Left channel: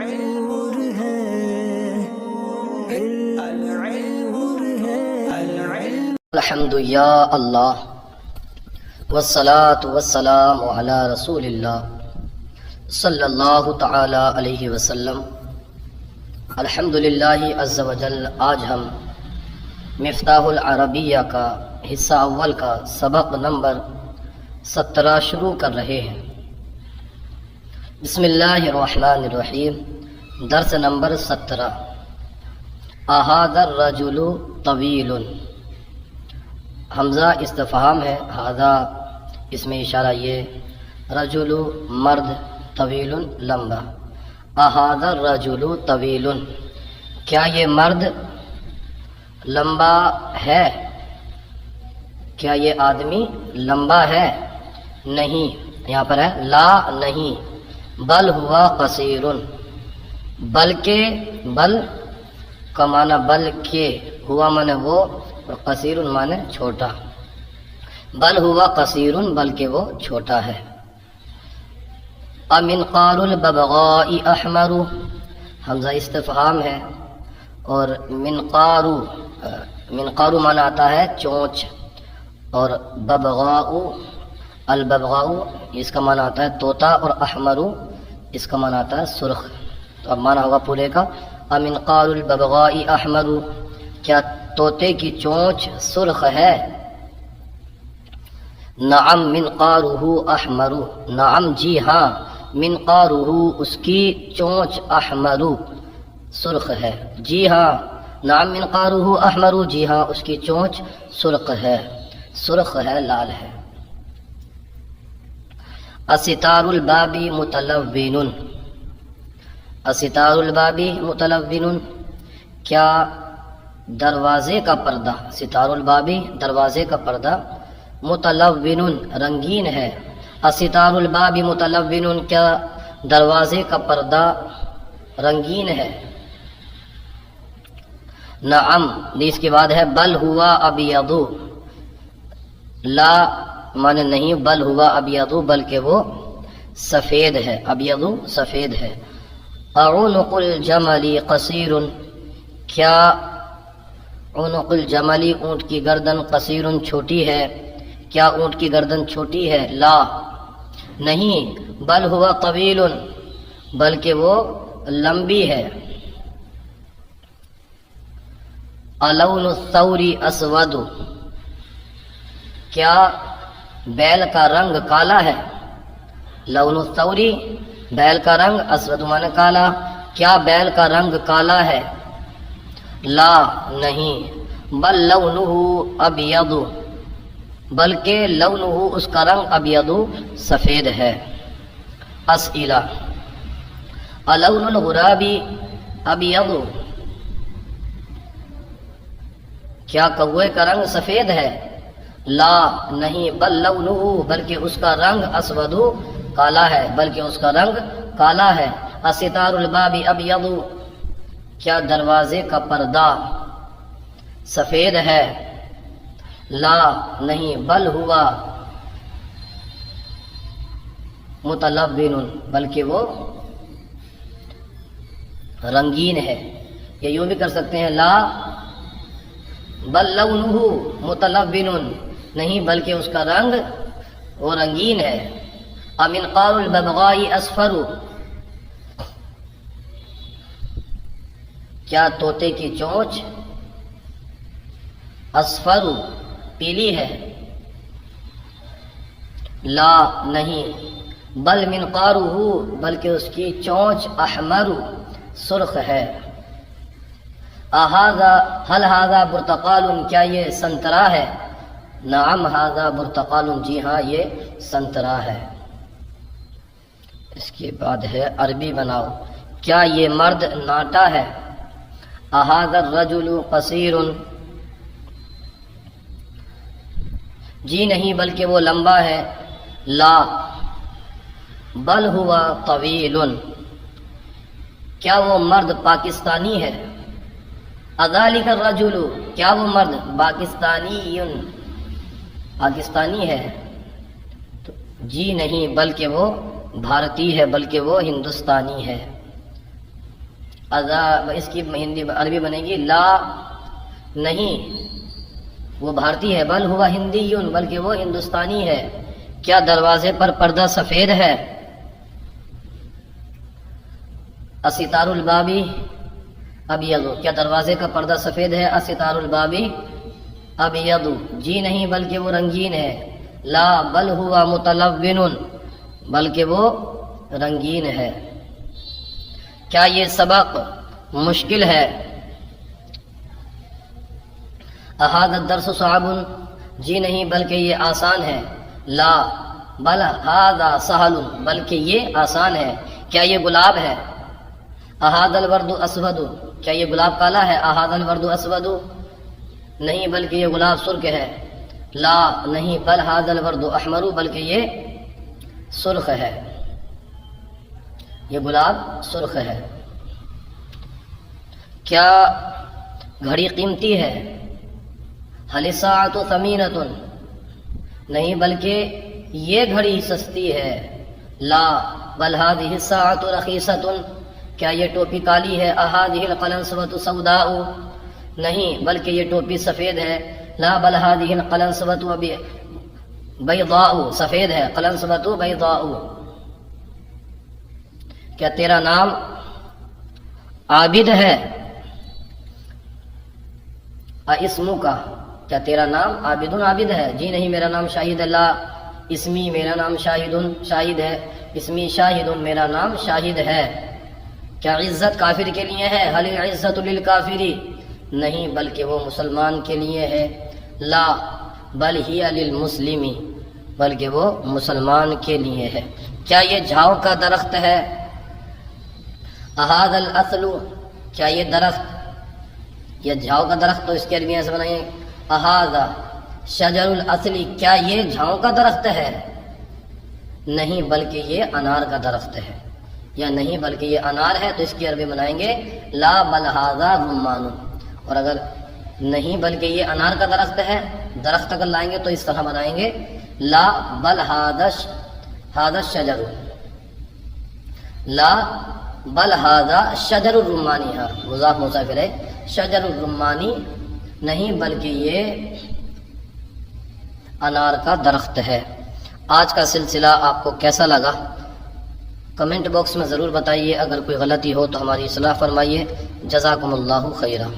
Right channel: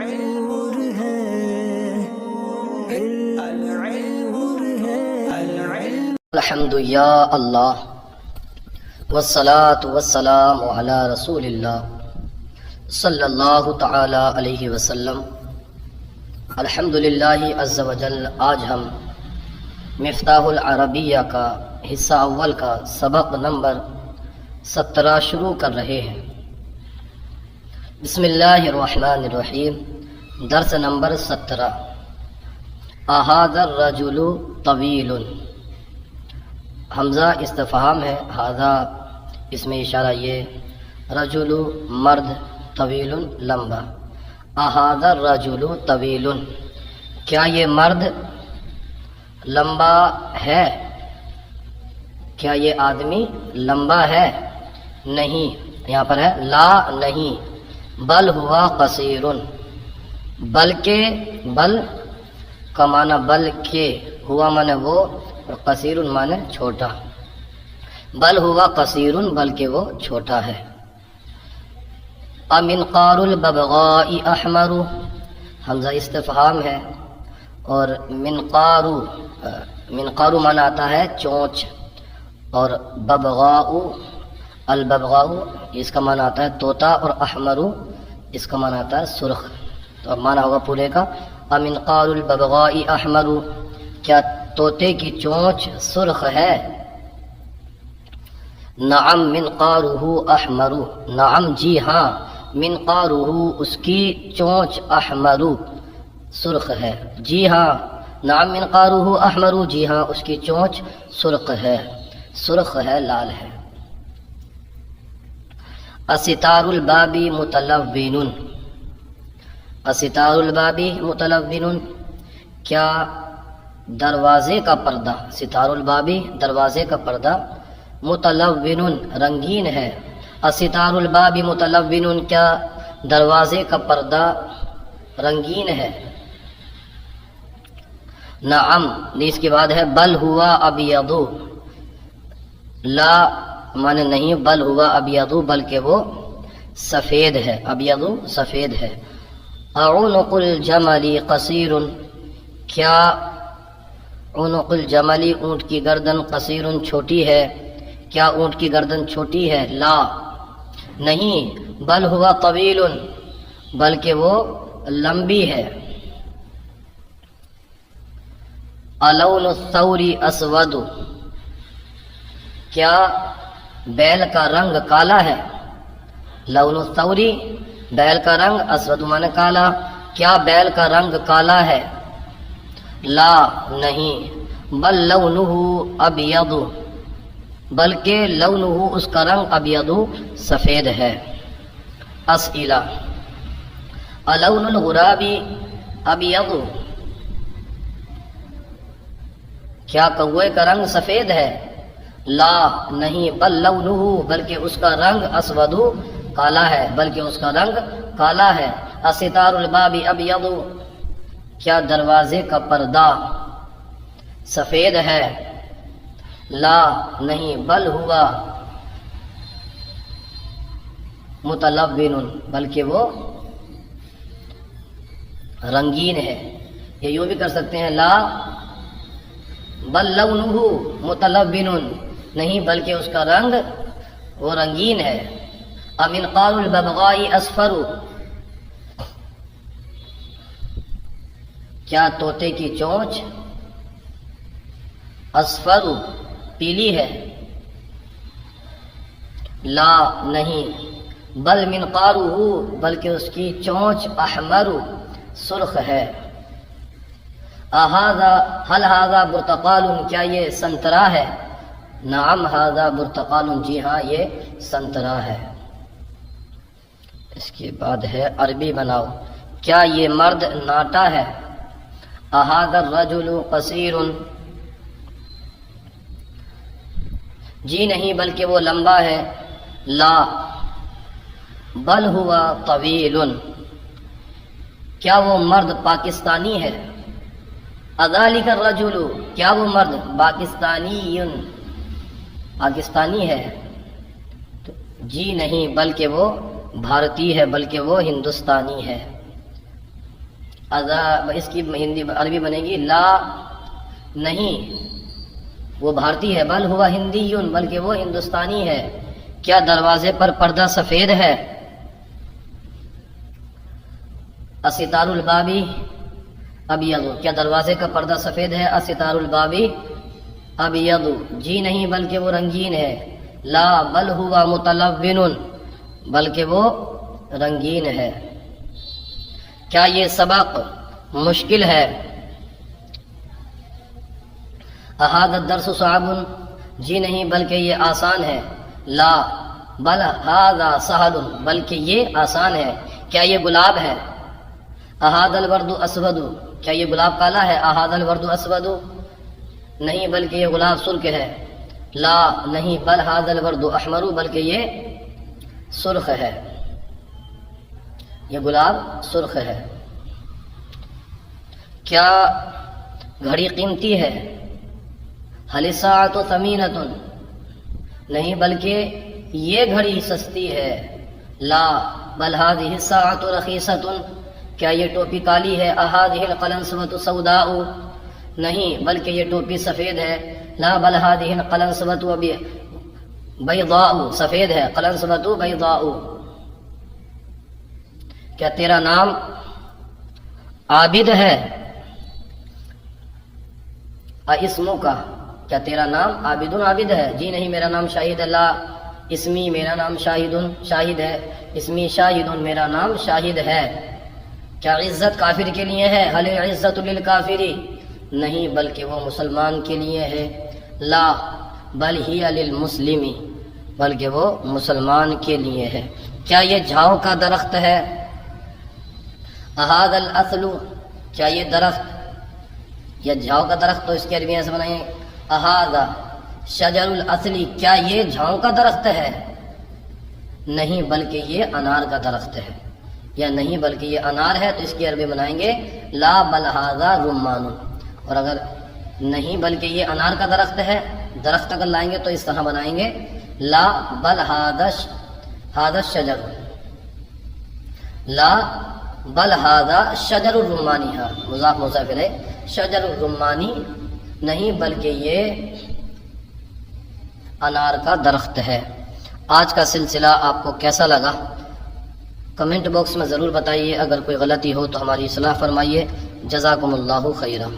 نور ہے نور ہے الحمد یا اللہ والصلاة والسلام علی رسول اللہ صلی اللہ تعالی علیہ وسلم۔ الحمدللہ عز و جل، آج ہم مفتاح العربیہ کا حصہ اول کا سبق نمبر 17 شروع کر رہے ہیں۔ بسم اللہ الرحمن الرحیم، درس نمبر 17۔ اہذا الرجل طویل، حمزہ استفہام ہے، ہذا اس میں اشارہ یہ، رجل مرد، طویل لمبا۔ اہذا الرجل طویل، کیا یہ مرد لمبا ہے؟ کیا یہ آدمی لمبا ہے؟ نہیں، یہاں پر ہے لا نہیں، بل ہوا قصیر، بلکہ، بل کا معنی بلکہ، ہوا معنی وہ، اور قصیر معنی چھوٹا۔ بل ہوا قصیر، بلکہ وہ چھوٹا ہے۔ امنقار الببغاء احمر، حمزہ استفہام ہے، اور منقار معنی آتا ہے چونچ، اور ببغاء، الببغاء اس کا معنی آتا ہے طوطا، اور احمر اس کا معنی آتا ہے سرخ۔ تو اب معنی ہوگا پورے کا، امنقار الببغاء احمر، کیا طوطے کی چونچ سرخ ہے؟ نعم منقارہ احمر، نعم جی ہاں، منقارہ اس کی چونچ احمر سرخ ہے، جی ہاں، نعم منقارہ احمر، جی ہاں اس کی چونچ سرخ ہے، سرخ ہے، لال ہے۔ الستار الباب متلون، الستار الباب متلون، کیا دروازے کا پردہ، ستار البابی دروازے کا پردہ، متلون رنگین ہے۔ الستار الباب متلون، کیا دروازے کا پردہ رنگین ہے؟ نعم، اس کے بعد ہے بل ہوا ابیض، لا معنی نہیں، بل ہوا ابیض، بلکہ وہ سفید ہے، ابیض سفید ہے۔ اعنق الجمل قصیر، کیا عنق الجمل اونٹ کی گردن قصیر چھوٹی ہے؟ کیا اونٹ کی گردن چھوٹی ہے؟ لا نہیں، بل ہوا طویل، بلکہ وہ لمبی ہے۔ الون الثور اسود، کیا بیل کا رنگ کالا ہے؟ لون الثور بیل کا رنگ، اسود معنی کالا، کیا بیل کا رنگ کالا ہے؟ لا نہیں، بل لونہ ابیض، بلکہ لونہ اس کا رنگ ابیض سفید ہے۔ اسئلہ، الون الغراب ابیض، کیا کوے کا رنگ سفید ہے؟ لا نہیں، بل لونہ، بلکہ اس کا رنگ اسود کالا ہے، بلکہ اس کا رنگ کالا ہے۔ الستار الباب ابیض، کیا دروازے کا پردہ سفید ہے؟ لا نہیں، بل ہوا متلون، بلکہ وہ رنگین ہے۔ یہ یوں بھی کر سکتے ہیں، لا بل لونہ متلون، نہیں بلکہ اس کا رنگ وہ رنگین ہے۔ امنقار الببغاء اصفر، کیا طوطے کی چونچ اصفر پیلی ہے؟ لا نہیں، بل منقارہ، بلکہ اس کی چونچ احمر سرخ ہے۔ هل هذا برتقال، کیا یہ سنترا ہے؟ نعم هذا برتقال، جی ہاں یہ سنترا ہے۔ اس کے بعد ہے عربی بناؤ، کیا یہ مرد ناٹا ہے؟ هذا الرجل قصیر، جی نہیں بلکہ وہ لمبا ہے۔ لا بل ہوا طویل، کیا وہ مرد پاکستانی ہے؟ اذالک الرجل، کیا وہ مرد پاکستانی ہے؟ جی نہیں بلکہ وہ بھارتی ہے، بلکہ وہ ہندوستانی ہے۔ اس کی ہندی عربی بنے گی لا نہیں وہ بھارتی ہے، بل ہوا ہندی بلکہ وہ ہندوستانی ہے، کیا دروازے پر پردہ سفید ہے؟ استار البابی ابیض، کیا دروازے کا پردہ سفید ہے؟ استار البابی ابیض، جی نہیں بلکہ وہ رنگین ہے، لا بل ہوا متلون، بلکہ وہ رنگین ہے۔ کیا یہ سبق مشکل ہے؟ احاذ الدرس صعب، جی نہیں بلکہ یہ آسان ہے، لا بل ھذا سہل، بلکہ یہ آسان ہے۔ کیا یہ گلاب ہے؟ احاذ الورد اسود، کیا یہ گلاب کالا ہے؟ احاذ الورد اسود، نہیں بلکہ یہ گلاب سرخ ہے، لا نہیں بل ھذا الورد احمر، بلکہ یہ سرخ ہے، یہ گلاب سرخ ہے۔ کیا گھڑی قیمتی ہے؟ هل الساعة ثمینة، نہیں بلکہ یہ گھڑی سستی ہے، لا بل هذه الساعة رخیصة، کیا یہ ٹوپی کالی ہے؟ هذه القلنسوة سوداء، نہیں بلکہ یہ ٹوپی سفید ہے، لا بل هذه القلنسوة بیضاء، سفید ہے، قلنسوة بیضاء۔ کیا تیرا نام عابد ہے؟ اسمو کا، کیا تیرا نام عابد عابد ہے؟ جی نہیں میرا نام شاہد اللہ، اسمی میرا نام شاہد شاہد ہے، اسمی شاہد میرا نام شاہد ہے۔ کیا عزت کافر کے لیے ہے؟ هل العزت للکافر، نہیں بلکہ وہ مسلمان کے لیے ہے، لا بل ہی للمسلم، بلکہ وہ مسلمان کے لیے ہے۔ کیا یہ جھاؤ کا درخت ہے؟ احاذ الاصل، کیا یہ درخت، یہ جھاؤ کا درخت تو اس کی عربی ایسے بنائیں احاذ شجر الاصل، کیا یہ جھاؤ کا درخت ہے؟ نہیں بلکہ یہ انار کا درخت ہے، یا نہیں بلکہ یہ انار ہے تو اس کی عربی بنائیں گے لا بل ھذا رمان، اور اگر نہیں بلکہ یہ انار کا درخت ہے، درخت اگر لائیں گے تو اس طرح بنائیں گے لا بل ھذا الشجر، لا بل ھذا شجر الرمانی، مضاف مضاف الیہ، شجر الرمانی نہیں بلکہ یہ انار کا درخت ہے۔ آج کا سلسلہ آپ کو کیسا لگا؟ کمنٹ باکس میں ضرور بتائیے، اگر کوئی غلطی ہو تو ہماری اصلاح فرمائیے۔ جزاکم اللہ خیرا۔